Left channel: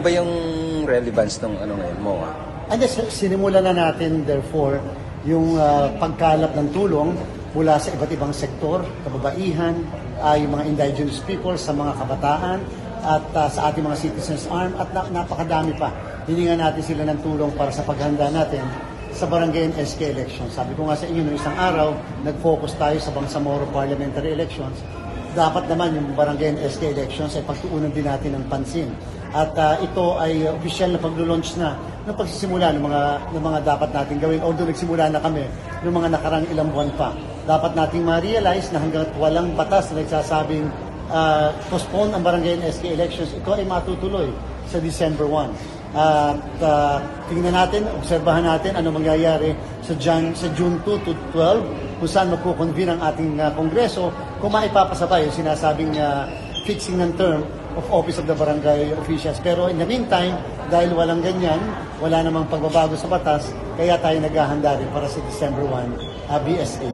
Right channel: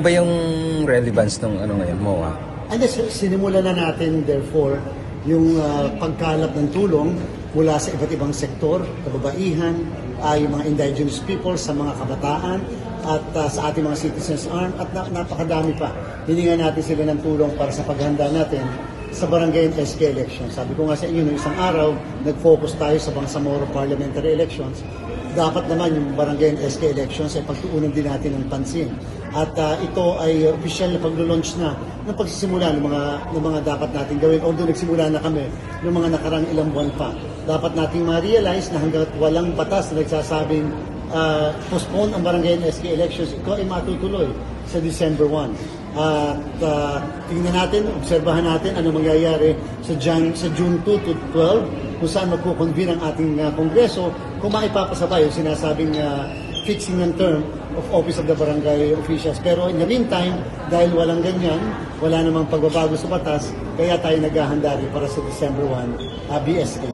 ba yung relevance ng ano na yun? And sinimulan na natin therefore yung pagkalap ng tulong mula sa iba't ibang sektor, kababaihan, yung mga indigenous people, sa mga kabataan, at sa ating mga citizens arm, at napakadami pa. Hiningan natin sila ng tulong para sa paghanda natin sa barangay and SK elections. Sabi ko nga sa inyo, isang araw, nag-focus tayo sa Bangsamoro parliamentary elections. Dapat naman yung barangay and SK elections ay pagtuunan din natin ng pansin. At ito ay official na pag-launch na ng pagsisimula ng mga dapat natin gawin. Although nagsimula na kami ng mga nakarang ilang buwan pa. Dapat nating ma-realize na hanggat walang batas na nagsasabing postpone ang barangay and SK elections, ito ay matutuloy sa December 1. Tingnan natin, obserbahan natin ano mangyayari sa June 2 to 12 kung saan magkukonvene ang ating Kongreso kung maipapasa tayo sinasabing fixing ng term of office of the barangay officials. Pero in the meantime, dahil walang ganyan, wala namang pagbabago sa batas, kaya tayo naghahanda rin para sa December 1 BSK.